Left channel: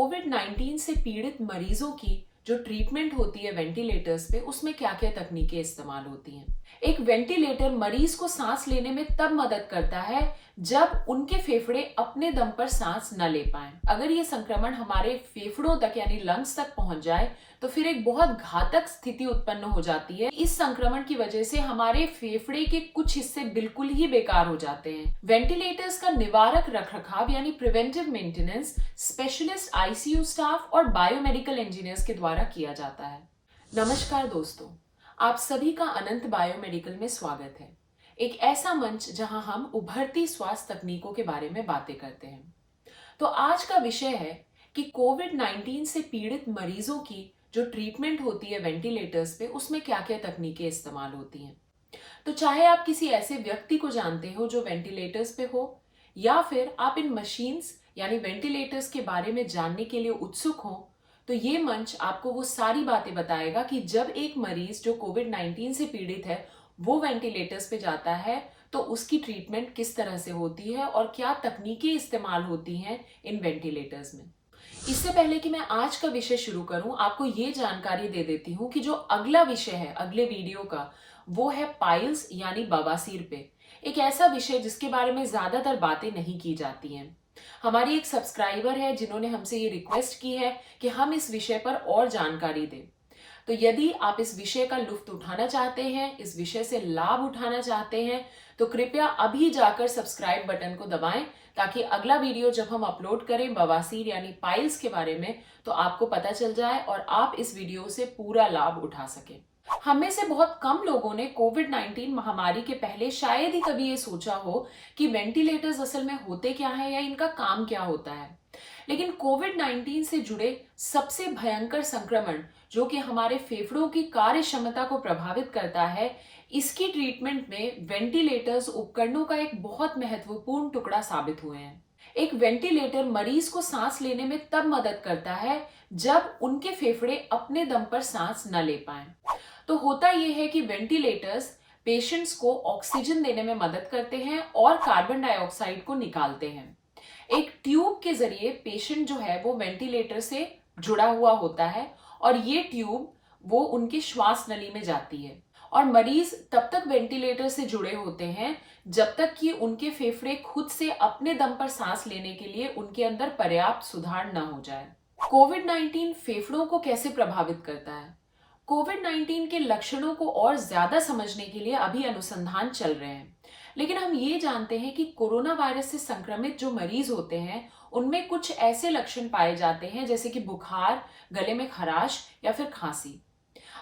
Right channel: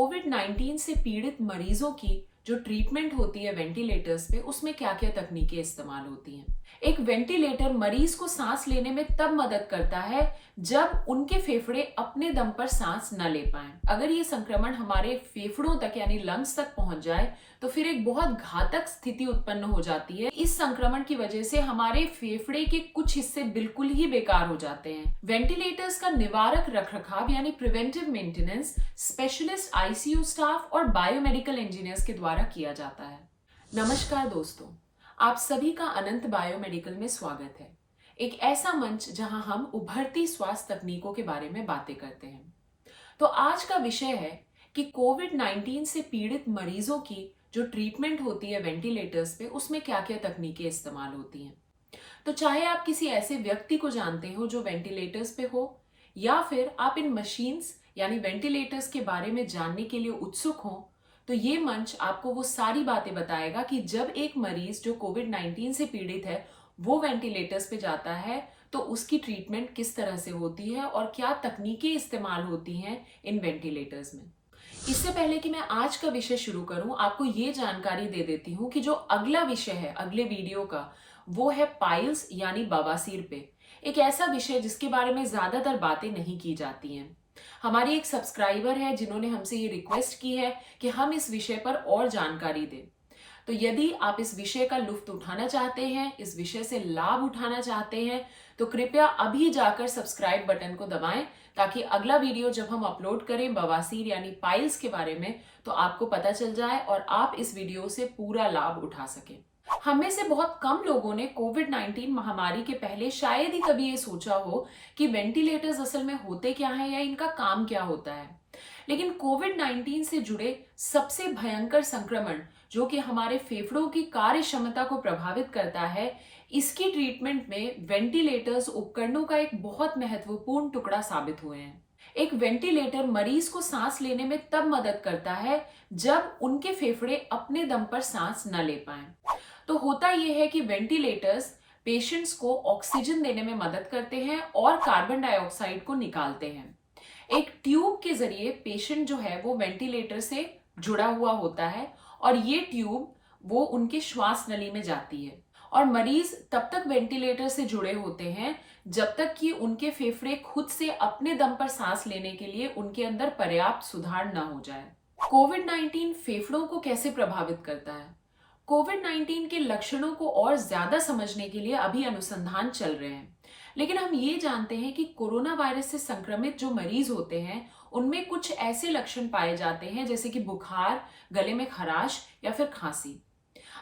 कोविड-19 से पीड़ित मरीजों की जो ट्रीटमेंट होती है वेंटिलेटर्स पे, उसमें क्या-क्या तकनीकें इस्तेमाल होती हैं। एक वेंटिलेटर मरीज को सांस लेने में तब मदद करता है जब उनके फेफड़े अपने दम पर सांस न ले पाएं। अगर ये संक्रमण हमारे फेफड़ों तक यानी लंग्स तक पहुंच जाए तो फिर एक बहुत घातक स्थिति उत्पन्न हो जाती है। इस संक्रमण की वजह से हमारे फेफड़े के कुछ हिस्से बिल्कुल ही बेकार हो जाते हैं। वेंटिलेटर्स का निवारक रखरखाव यानी preventive maintenance specialist ICU staff और बायोमेडिकल इंजीनियर्स के द्वारा किया जाता है। नमस्कार दोस्तों, आप सभी का अनंत बायोमेडिकल में स्वागत है। एक ऐसा मंच जहां हम उभरती स्वास्थ्य तकनीकों के बारे में बातें करते हैं। तो आज का विषय है कि कोविड-19 से पीड़ित मरीजों की जो ट्रीटमेंट होती है वेंटिलेटर्स पे, उसमें क्या-क्या तकनीकें इस्तेमाल होती हैं। तो चाहे आप किसी ऐसे व्यक्ति को जानते हो जो वेंटिलेटर्स पे हो, या फिर आप इन मशीन्स यानी वेंटिलेटर्स के बारे में जानने के लिए उत्सुक हो, तो ये मंच आपको वो सारी बातें बताएगा कि जब एक मरीज जो कोविड-19 से पीड़ित है वो वेंटिलेटर्स पे जाता है तो उसकी ट्रीटमेंट किस तरह से होती है और क्या तकनीकें इस्तेमाल होती हैं इन वेंटिलेटर्स में। इससे पहले कि मैं आज का विषय शुरू करूं, आपको ये जानकारी दे देती हूं कि जो अगला विषय है अगले वीडियो का, वो है पाइल्स यानी बवासीर पे। एक ऐसा विषय जिसके बारे में ज्यादातर बातें नहीं की जाती हैं। हमारी एक सब्सक्राइबर है जिन्होंने हमसे ये रिक्वेस्ट की है कि हम इस विषय पर और जानकारी दें। तो यदि आप इस विषय का लुत्फ उठाना चाहते हैं, इस विषय से लाभ उठाना चाहते हैं, तो कृपया अभी जाकर सब्सक्राइब बटन को दबाएं ताकि अगला वीडियो जब हम अपलोड करें बवासीर यानी पाइल्स के बारे में, तो आपको पता चल जाए और आप इस वीडियो से पूरा लाभ उठा सकें। हम में से बहुत कम लोगों ने कोविड-19 महामारी के पहले शायद ही कभी ये सोचा हो कि वेंटिलेटर्स असल में होते क्या है या इनका काम क्या होता है। लेकिन कोविड-19 से जुड़े सबसे भयंकर संक्रमण जो कि हमारे फेफड़ों की कार्य क्षमता को प्रभावित करता है, इसकी ट्रीटमेंट में वेंटिलेटर्स उपकरणों का एक बहुत महत्वपूर्ण टुकड़ा साबित हुए हैं। एक वेंटिलेटर मरीज को सांस लेने में तब मदद करता है जब उनके फेफड़े अपने दम पर सांस न ले पाएं। तो होता यह है कि वेंटिलेटर्स पेशेंट्स को ऑक्सीजन देने में मदद करते हैं और कार्बन डाइऑक्साइड को निकालते हैं। एक ट्यूब के जरिए पेशेंट जो है वो वेंटिलेटर से जुड़ा हुआ होता है और ये ट्यूब वो उनके श्वास नली में जाती है और मरीज तब तक वेंटिलेटर से जुड़े होते हैं जब तक कि उनके फेफड़े खुद से अपने दम पर सांस लेने के लिए उनके अंदर पर्याप्त सुधार न हो जाए। कोविड-19 फेफड़ों को कैसे प्रभावित करता है? कोविड-19 के लक्षणों को और ज्यादा समझने के लिए अभी अनुसंधान चल रहे हैं, लेकिन हम ये जानते हैं कि कोरोना वायरस से संक्रमित जो मरीज होते हैं उनमें कुछ ऐसे लक्षण पाए जाते हैं जैसे कि बुखार, गले में खराश या फिर खांसी।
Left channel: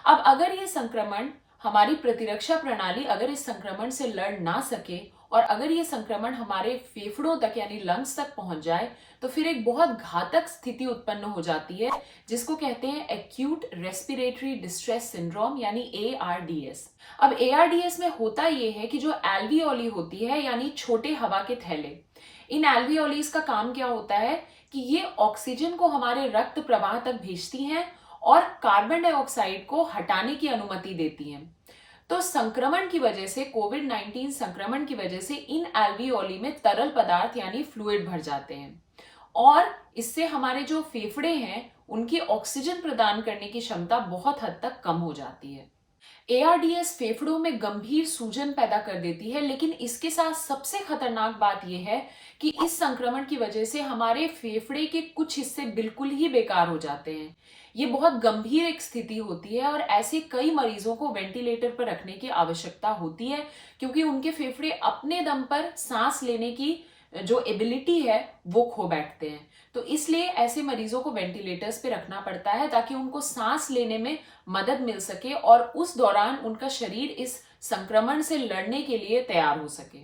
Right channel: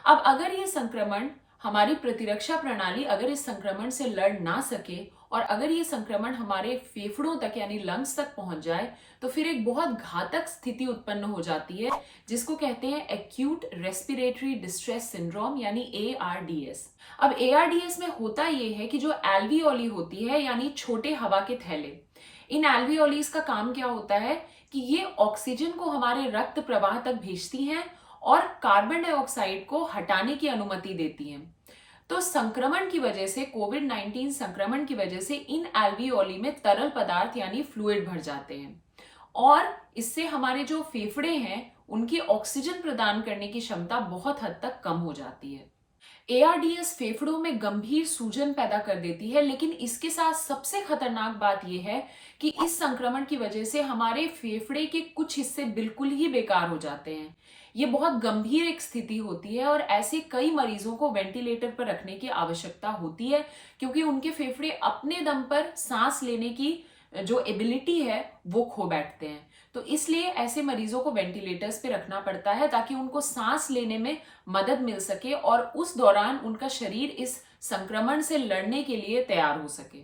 अब अगर ये संक्रमण हमारी प्रतिरक्षा प्रणाली अगर इस संक्रमण से लड़ ना सके और अगर ये संक्रमण हमारे फेफड़ों तक यानी लंग्स तक पहुंच जाए तो फिर एक बहुत घातक स्थिति उत्पन्न हो जाती है जिसको कहते हैं एक्यूट रेस्पिरेटरी डिस्ट्रेस सिंड्रोम यानी ARDS। अब ARDS में होता ये है कि जो एल्वियोली होती है यानी छोटे हवा के थैले, इन एल्वियोलीज का काम क्या होता है कि ये ऑक्सीजन को हमारे रक्त प्रवाह तक भेजती हैं और कार्बन डाइऑक्साइड को हटाने की अनुमति देती हैं। तो संक्रमण की वजह से कोविड-19 संक्रमण की वजह से इन एल्वियोली में तरल पदार्थ यानी फ्लूइड भर जाते हैं और इससे हमारे जो फेफड़े हैं उनकी ऑक्सीजन प्रदान करने की क्षमता बहुत हद तक कम हो जाती है। ARDS फेफड़ों में गंभीर सूजन पैदा कर देती है, लेकिन इसके साथ सबसे खतरनाक बात यह है कि इस संक्रमण की वजह से हमारे फेफड़े के कुछ हिस्से बिल्कुल ही बेकार हो जाते हैं। ये बहुत गंभीर एक स्थिति होती है और ऐसे कई मरीजों को वेंटिलेटर पर रखने की आवश्यकता होती है क्योंकि उनके फेफड़े अपने दम पर सांस लेने की जो एबिलिटी है वो खो बैठते हैं। तो इसलिए ऐसे मरीजों को वेंटिलेटर्स पे रखना पड़ता है ताकि उनको सांस लेने में मदद मिल सके और उस दौरान उनका शरीर इस संक्रमण से लड़ने के लिए तैयार हो सके।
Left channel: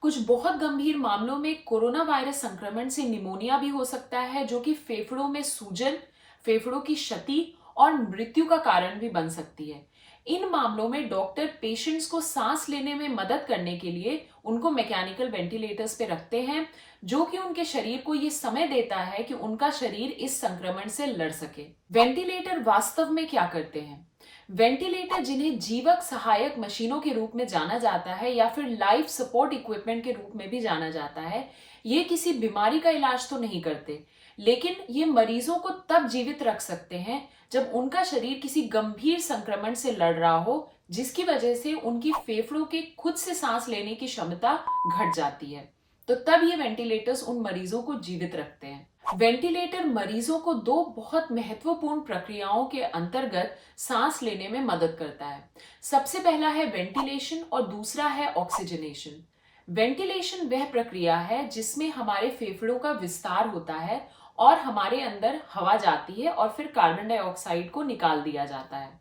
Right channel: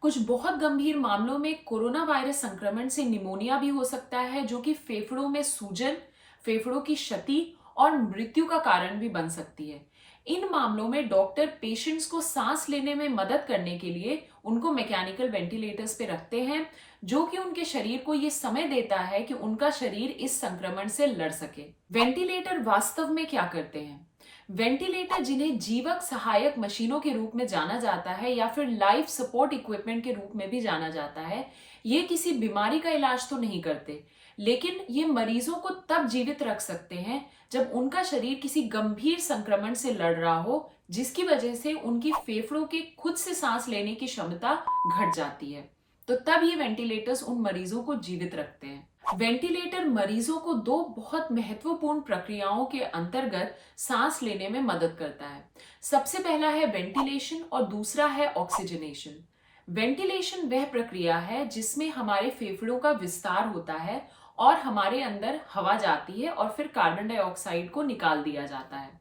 कुछ बहुत गंभीर मामलों में कोरोना वायरस संक्रमण से निमोनिया भी हो सकता है जो कि फेफड़ों में सूजन, फेफड़ों की क्षति और मृत्यु का कारण भी बन सकती है। इन मामलों में डॉक्टर पेशेंट्स को सांस लेने में मदद करने के लिए उनको मैकेनिकल वेंटिलेटर्स पे रखते हैं जो कि उनके शरीर को ये समय देता है कि उनका शरीर इस संक्रमण से लड़ सके। वेंटिलेटर वास्तव में क्या करते हैं? वेंटिलेटर, जिन्हें जीवक सहायक मशीनों के रूप में जाना जाता है या फिर लाइफ सपोर्ट इक्विपमेंट के रूप में भी जाना जाता है, ये किसी बीमारी का इलाज तो नहीं करते, लेकिन ये मरीजों को तब जीवित रख सकते हैं जब उनका शरीर किसी गंभीर संक्रमण से लड़ रहा हो, जिसकी वजह से उनकी फेफड़ों के खुद से सांस लेने की क्षमता घट जाती है। तो तब ये वेंटिलेटर्स उन मरीजों को जीवित रखते हैं। वेंटिलेटर मरीजों को दो बहुत महत्वपूर्ण प्रक्रियाओं के अंतर्गत सांस लेने में मदद करता है। सबसे पहला है वेंटिलेशन और दूसरा है ऑक्सीजनेशन। वेंटिलेशन वह प्रक्रिया है जिसमें हमारे फेफड़ों का विस्तार होता है और हमारे अंदर हवा जाती है और फिर कार्बन डाइऑक्साइड को निकाल दिया जाता है।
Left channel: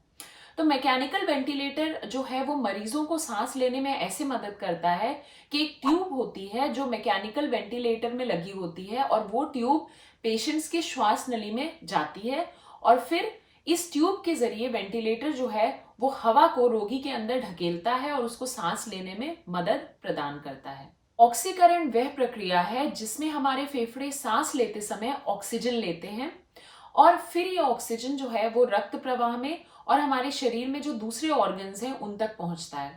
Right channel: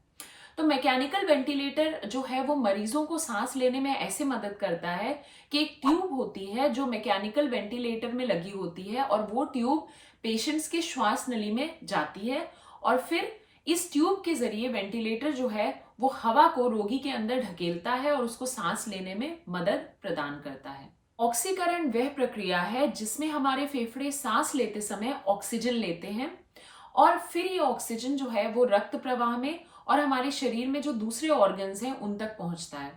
तो मैकेनिकल वेंटिलेटर जो है वो मरीजों को सांस लेने में ऐसे मदद करता है कि एक ट्यूब होती है जो मैकेनिकल वेंटिलेटर में लगी होती है और वो ट्यूब पेशेंट्स के श्वास नली में जाती है और फिर इस ट्यूब के जरिए वेंटिलेटर जो है वो हवा को रोगी के अंदर ढकेलता है और उसको सांस लेने में मदद प्रदान करता है। ऑक्सीकरण वह प्रक्रिया है जिसमें हमारे फेफड़े सांस लेते समय ऑक्सीजन लेते हैं और फिर ये ऑक्सीजन जो है वो रक्त प्रवाह में और हमारे शरीर में जो दूसरे ऑर्गन्स हैं उन तक पहुंचता है।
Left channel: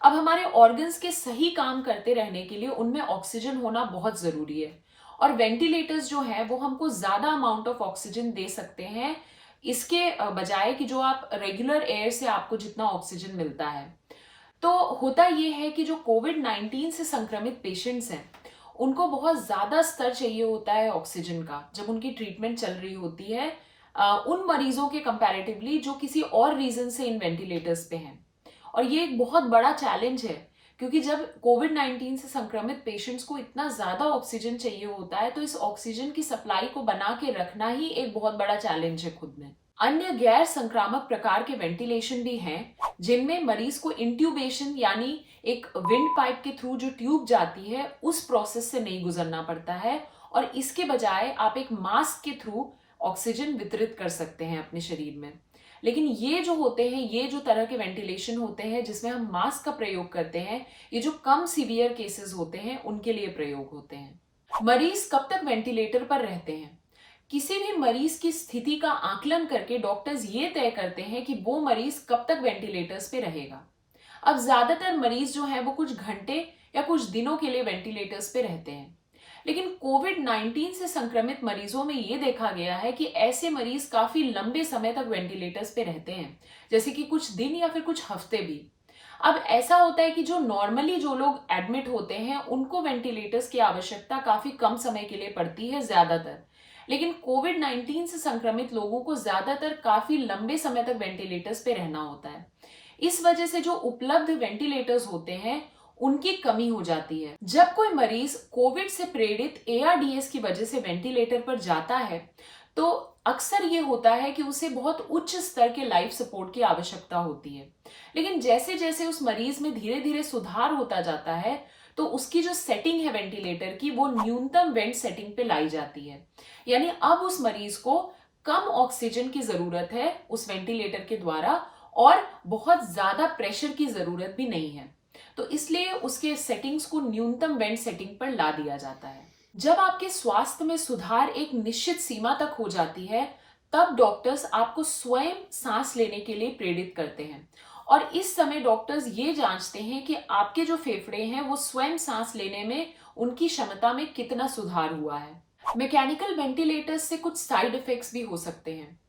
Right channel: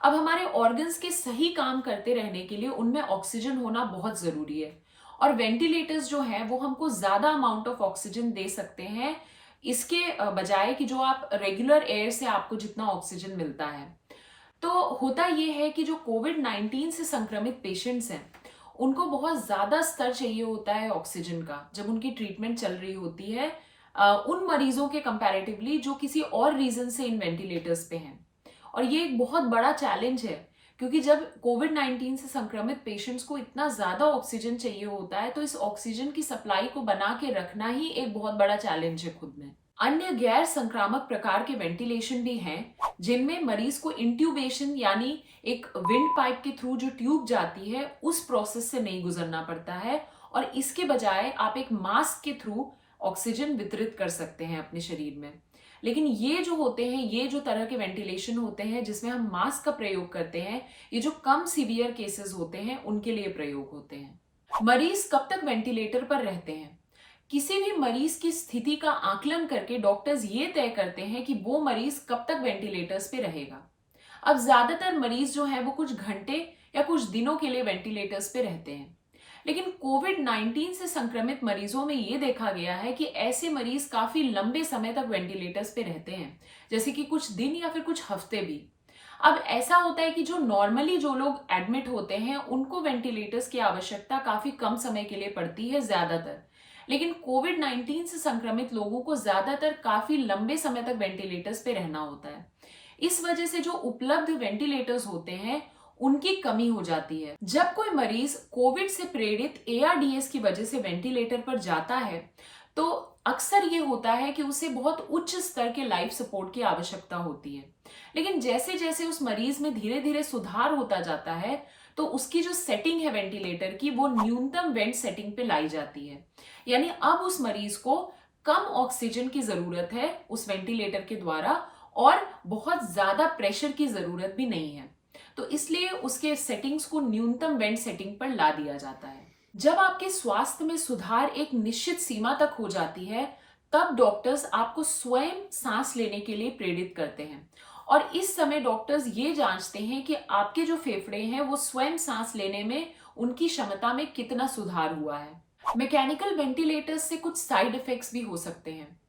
अब हमारे ऑर्गन्स के सही काम करते रहने के लिए उनमें ऑक्सीजन होना बहुत जरूरी है और वेंटिलेटर्स जो है वो हमको ज्यादा अमाउंट ऑफ ऑक्सीजन दे सकते हैं इसके बजाय कि जो आप रेगुलर एयर से आपको जितना ऑक्सीजन मिलता है। तो होता ये है कि जो कोविड-19 से संक्रमित पेशेंट्स हैं उनको बहुत ज्यादा स्तर चाहिए होता है ऑक्सीजन का जब उनकी ट्रीटमेंट चल रही होती है उन मरीजों के कंपैरेटिवली जो किसी और रीजन से इन वेंटिलेटर्स पे हैं। और ये एक बहुत बड़ा चैलेंज है क्योंकि जब कोविड-19 से संक्रमित पेशेंट्स को इतना ज्यादा ऑक्सीजन चाहिए होता है तो इस ऑक्सीजन की सप्लाई को बना के रखना ही एक बहुत बड़ा चैलेंज है खुद में। अन्य गैर संक्रामक प्रकार के वेंटिलेशन भी हैं जिनमें मरीज को इंट्यूबेशन यानी एक विंड पाइप के थ्रू जो ट्यूब जाती है उस प्रोसेस से नहीं गुजरना पड़ता है और इसके बजाय आप एक मास्क के थ्रू ऑक्सीजन वितरित कर सकते हैं अपने शरीर में। लेकिन ये जो होते हैं ये जो तरह के वेंटिलेशन होते हैं जिसमें हम मास्क का प्रयोग करते हैं ये जो कम सीवियर केसेस होते हैं उनके लिए प्रयोग होते हैं। मरीज कब तक वेंटिलेटर पर रहते हैं? किसी भी मरीज की स्थिति का आकलन करके डॉक्टर्स ये तय करते हैं कि वो मरीज कब तक वेंटिलेटर्स पे रहेगा। अब ज्यादातर मरीज जो है वो कुछ घंटे या कुछ दिनों के लिए वेंटिलेटर्स पे रहते हैं, लेकिन कोविड-19 से संक्रमित मरीजों में ये देखा गया है कि ऐसे मरीज काफी लंबे समय तक वेंटिलेटर्स पे रहते हैं, जैसे कि कुछ दिन या फिर कुछ हफ्ते भी। अब ऐसा होता है कि जो नॉर्मली जो लोग एडमिट होते हैं उनको वेंटिलेटर्स की आवश्यकता काफी कम समय के लिए पड़ती है ज्यादातर, लेकिन कोविड-19 से संक्रमित लोगों को ज्यादातर काफी लंबे समय तक वेंटिलेटर्स पे रहना होता है। इस वजह से जो उपलब्ध वेंटिलेटर्स होते हैं उनकी कमी हो जाती है। जब कोई मरीज कोविड से प्रेरित ARDS की वजह से वेंटिलेटर पर जाता है तो अक्सर ये होता है कि उसे बहुत उच्च स्तर के लाइफ सपोर्ट की आवश्यकता होती है, लेकिन जैसे जैसे उस मरीज में धीरे धीरे सुधार होता जाता है तो उसकी जो सेटिंग है वेंटिलेटर की वो न्यूनतम वेंट सेटिंग पे लाई जाती है। यानी अब उस मरीज को कम ऑक्सीजन की जरूरत है उस वेंटिलेटर के द्वारा और बहुत ज्यादा प्रेशर की जरूरत भी नहीं है, तो इसलिए उसके सेटिंग्स को न्यूनतम वेंट सेटिंग पर ला दिया जाता है। जब आपके स्वास्थ्य में सुधार एक निश्चित सीमा तक हो जाती है तब डॉक्टर्स आपको स्वयं सांस लेने के लिए प्रेरित करते हैं और इस समय डॉक्टर्स ये जांचते हैं कि आपके जो फेफड़े हैं वो स्वयं सांस लेने में उनकी क्षमता में कितना सुधार हुआ है। मैकेनिकल वेंटिलेटर्स से कुछ साइड इफेक्ट्स भी हो सकते हैं।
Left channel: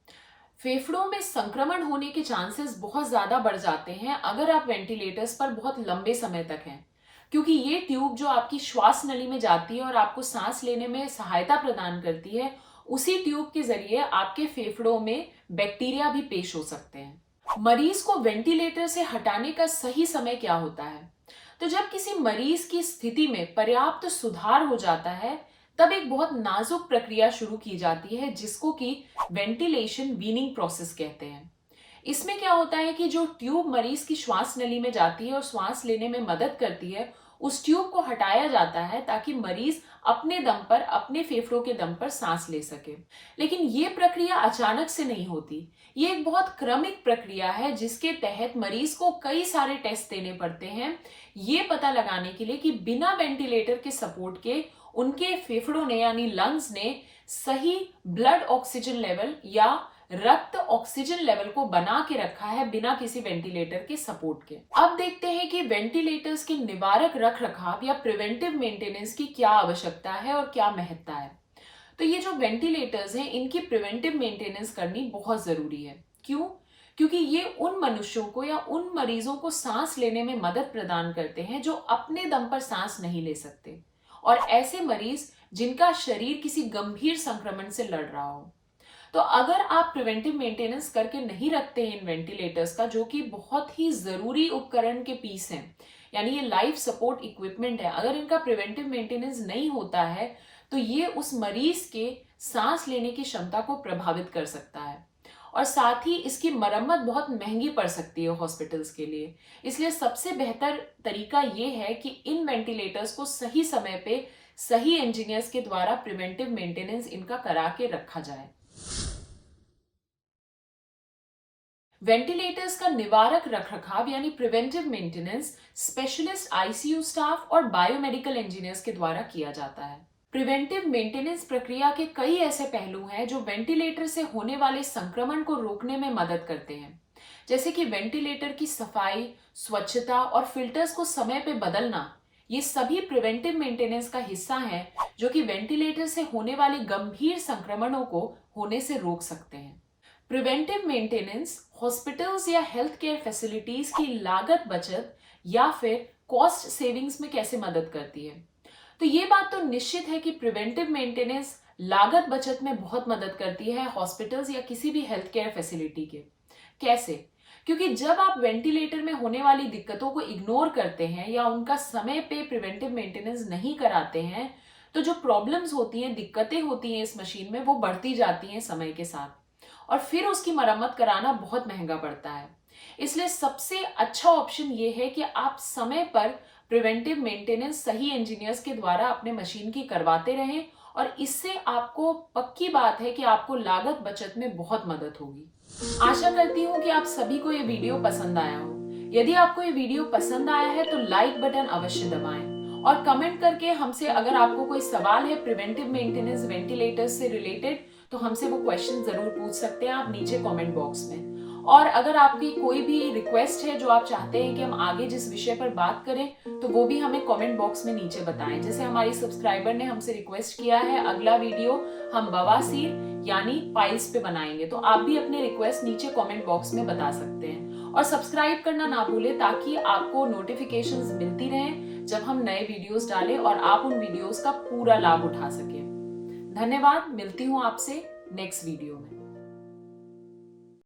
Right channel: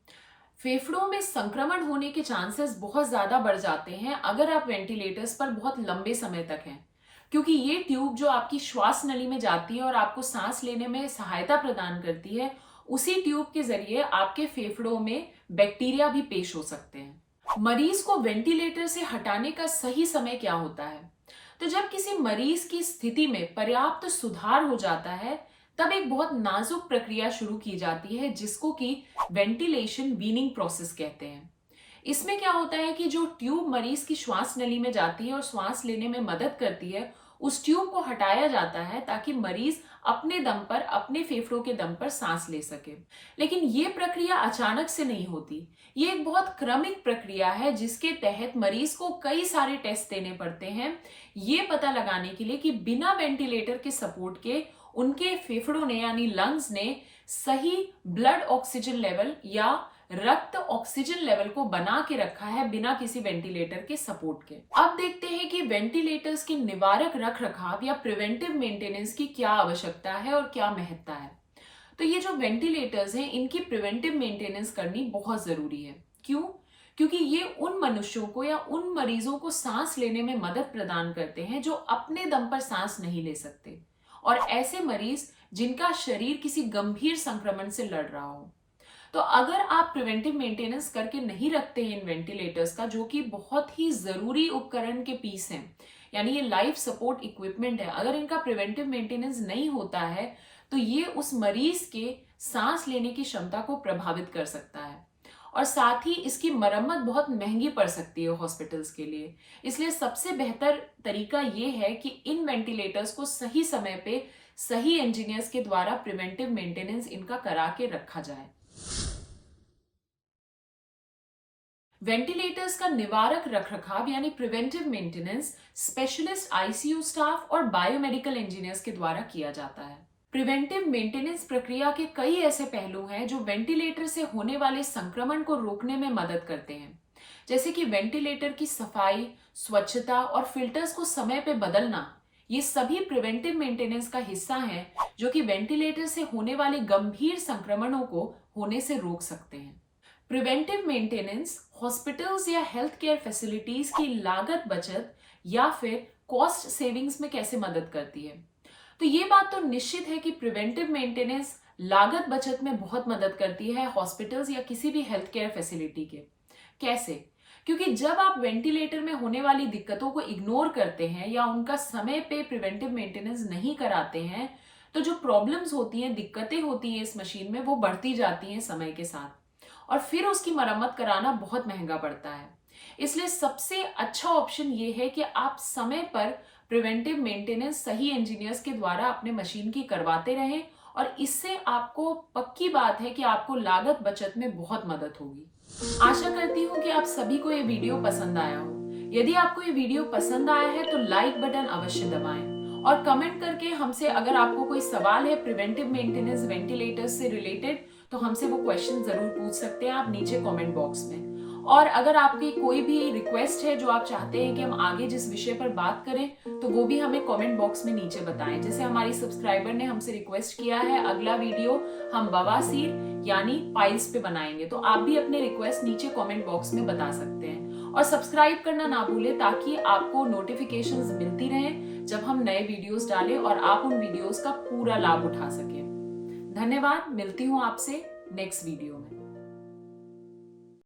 फेफड़ों में संक्रमण होने के चांसेस बहुत ज्यादा बढ़ जाते हैं अगर आप वेंटिलेटर्स पर बहुत लंबे समय तक हैं, क्योंकि ये ट्यूब जो आपकी श्वास नली में जाती है और आपको सांस लेने में सहायता प्रदान करती है उसी ट्यूब के जरिए आपके फेफड़ों में बैक्टीरिया भी पेश हो सकते हैं। मरीज को वेंटिलेटर से हटाने का सही समय क्या होता है? तो जब किसी मरीज की स्थिति में पर्याप्त सुधार हो जाता है तब एक बहुत नाजुक प्रक्रिया शुरू की जाती है जिसको कि वेंटिलेशन वीनिंग प्रोसेस कहते हैं। इसमें क्या होता है कि जो ट्यूब मरीज की श्वास नली में जाती है और श्वास लेने में मदद करती है उस ट्यूब को हटाया जाता है ताकि मरीज अपने दम पर अपने फेफड़ों के दम पर सांस ले सके। लेकिन ये प्रक्रिया अचानक से नहीं होती, ये एक बहुत क्रमिक प्रक्रिया है जिसके तहत मरीज को कई सारे टेस्ट देने पड़ते हैं ये पता लगाने के लिए कि बिना वेंटिलेटर के सपोर्ट के उनके फेफड़ों ने यानी लंग्स ने सही ब्लड ऑक्सीजन लेवल या रक्त ऑक्सीजन लेवल को बना के रखा है बिना किसी वेंटिलेटर के सपोर्ट के। अब देखते हैं कि वेंटिलेटर्स की निवारक रख रखाव या प्रिवेंटिव मेंटेनेंस की क्या आवश्यकता है और क्या महत्ता है। तो ये जो वेंटिलेटर्स हैं इनकी प्रिवेंटिव मेंटेनेंस करनी बहुत ज़रूरी है। क्यों? क्योंकि ये उन मनुष्यों को या उन मरीजों को सांस लेने में मदद प्रदान करते हैं जो अपने दम पर सांस नहीं ले सकते, और ऐसे मरीज जिनका शरीर किसी गंभीर संक्रमण से लड़ रहा हो। तो अगर आप प्रिवेंटिव मेंटेनेंस करके नहीं रखते हैं इन वेंटिलेटर्स का, जो कि बहुत ही ज़रूरी उपकरण के पीस हैं, यानी ये लाइफ सपोर्ट इक्विपमेंट है, अगर इनका प्रिवेंटिव मेंटेनेंस नहीं होता है तो ये उस मरीज के सांस लेने की क्षमता को प्रभावित कर सकता है, और साथ ही इसकी मरम्मत बहुत महंगी पड़ सकती है हॉस्पिटल्स के लिए। इसलिए सबसे बेहतर तरीका ये है कि इन वेंटिलेटर्स को सही समय पे सही इंजीनियर्स के द्वारा प्रिवेंटिव मेंटेनेंस इनका करा के रखा जाए। वेंटिलेटर्स का निवारक रखरखाव यानी preventive maintenance specialist ICU staff और बायोमेडिकल इंजीनियर्स के द्वारा किया जाता है। प्रिवेंटिव मेंटेनेंस प्रक्रिया के कई ऐसे पहलू हैं जो वेंटिलेटर से होने वाले संक्रमण को रोकने में मदद करते हैं, जैसे कि वेंटिलेटर की सफाई, स्वच्छता और फिल्टर्स को समय पे बदलना। ये सभी प्रिवेंटिव मेंटेनेंस का हिस्सा हैं जो कि वेंटिलेटर से होने वाले गंभीर संक्रमणों को होने से रोक सकते हैं। प्रिवेंटिव मेंटेनेंस हॉस्पिटल्स या हेल्थ केयर फैसिलिटीज की लागत बचत या फिर कॉस्ट सेविंग्स में कैसे मदद करती है? तो ये बात तो निश्चित है कि प्रिवेंटिव मेंटेनेंस लागत बचत में बहुत मदद करती है हॉस्पिटल्स या किसी भी हेल्थ केयर फैसिलिटी के। कैसे? क्योंकि जब आप वेंटिलेटर में होने वाली दिक्कतों को इग्नोर करते हैं या उनका समय पे प्रिवेंटिव मेंटेनेंस नहीं कराते हैं, तो जो प्रॉब्लम्स होती हैं, दिक्कतें होती हैं इस मशीन में, वो बढ़ती जाती हैं समय के साथ, और फिर उसकी मरम्मत कराना बहुत महंगा पड़ता है। इसलिए सबसे अच्छा ऑप्शन ये है कि आप समय पर प्रिवेंटिव मेंटेनेंस सही इंजीनियर्स के द्वारा अपने मशीन की करवाते रहें, और इससे आपको पक्की बात है कि आपको लागत बचत में बहुत मदद होगी। आशा करती हूँ कि आप सभी को ये वीडियो पसंद आया हो। यदि आपको ये वीडियो पसंद आया है तो लाइक बटन अवश्य दबाएं, और कमेंट करके हमसे अगर आपको कोई सवाल है प्रिवेंटिव मेंटेनेंस वेंटिलेटर्स से रिलेटेड, तो हमसे वो क्वेश्चन जरूर पूछ सकते हैं आप नीचे कमेंट बॉक्स में। और अगर आपकी कोई भी रिक्वेस्ट है जो आप चाहते हैं कि हम आगे जिस विषय पर बात करें, तो वो भी हमें कमेंट बॉक्स में नीचे बताएं। जैसे हमारी सब्सक्राइबर ने हमसे रिक्वेस्ट किया है अगला वीडियो हम बवासीर यानी पाइल्स पे बनाएंगे, तो आप भी अपने रिक्वेस्ट नीचे कमेंट बॉक्स में बता सकते हैं। और सब्सक्राइब करना ना भूलें ताकि आपको नोटिफिकेशंस मिलती रहें जब हम नए वीडियोस डालें और आप उन वीडियोस का पूरा लाभ उठा सकें। धन्यवाद, मिलती हूँ आपसे नेक्स्ट वीडियो में।